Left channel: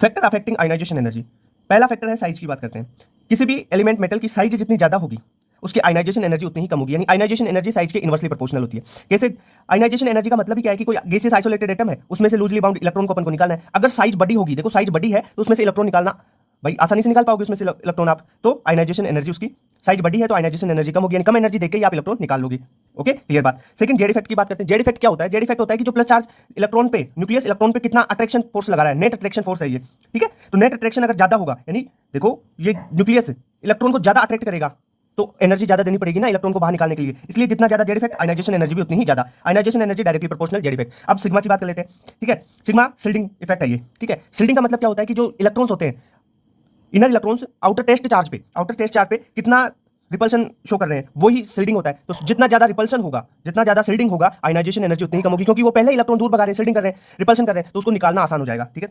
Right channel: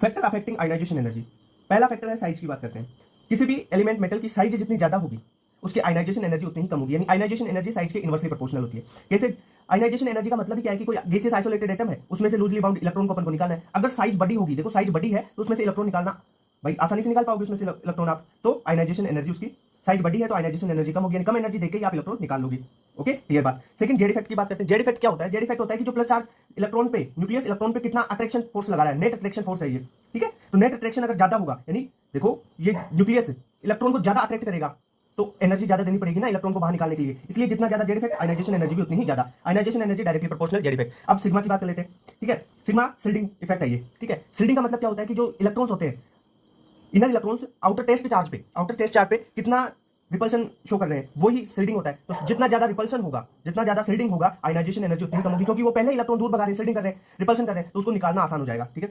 Factor affecting ionization energy, पहला factor है size की बात करते हैं। किसी भी एलिमेंट मेटल की साइज जितनी ज्यादा होगी उसकी आयनाइजेशन एनर्जी उतनी ही कम होगी, यानी आयनाइजेशन एनर्जी साइज के इनवर्सली प्रोपोर्शनल होती है। कैसे? आयनाइजेशन एनर्जी का मतलब ही क्या है कि कोई गैसियस आइसोलेटेड एटम है, उसमें से लूजली बाउंड इलेक्ट्रॉन को अपन को निकालना है। अगर साइज बड़ी होगी, देखो साइज बड़ी है तो उसमें से इलेक्ट्रॉन निकालना भाई आसानी से निकाल पाओगे उसमें से इलेक्ट्रॉन आप, तो आयनाइजेशन एनर्जी उसकी साइज बड़ी है तो आयनाइजेशन एनर्जी कम होगी, यानी कम एनर्जी देके ही आप इलेक्ट्रॉन निकाल लोगे। ओके, क्लियर बात। सेकंड, जेड इफेक्ट की बात करते हैं। जेड इफेक्ट क्या होता है? जेड इफेक्ट होता है कि जो प्लस चार्ज इलेक्ट्रॉन पे, न्यूक्लियस इलेक्ट्रॉन पे कितना अट्रैक्शन फोर्स लगा रहा है, नेट अट्रैक्शन फोर्स है ये, ठीक है। तो नेट अट्रैक्शन अगर ज्यादा होगा, यानी देखो ये न्यूक्लियस इलेक्ट्रॉन को ज्यादा अट्रैक्ट करेगा तो एनर्जी ज्यादा देनी पड़ेगी ना इलेक्ट्रॉन को बाहर निकालने के लिए, इसलिए जितना ज्यादा जेड इफेक्ट आयनाइजेशन एनर्जी भी उतनी ही ज्यादा। Ionization energy directly proportional Z effect. अब सिग्मा की बात कर लेते हैं, ठीक है। सिग्मा शिल्डिंग इफेक्ट है ये, ठीक है। शिल्डिंग का मतलब क्या होता है कि जो इलेक्ट्रॉन्स होते हैं, inner electrons outer test charge पे कितना रिपल्शन शो कर रहे हैं, वही शिल्डिंग होता है। तो जितना ज्यादा रिपल्शन होगा, जितना ज्यादा शिल्डिंग होगा, आयनाइजेशन एनर्जी उतनी ही कम होगी, क्योंकि वो पहले इलेक्ट्रॉन दूर भगा रहे हैं, शिल्डिंग कर रहे हैं, रिपल्शन कर रहे हैं, तो उसको निकालना आसान हो जाएगा, ठीक है।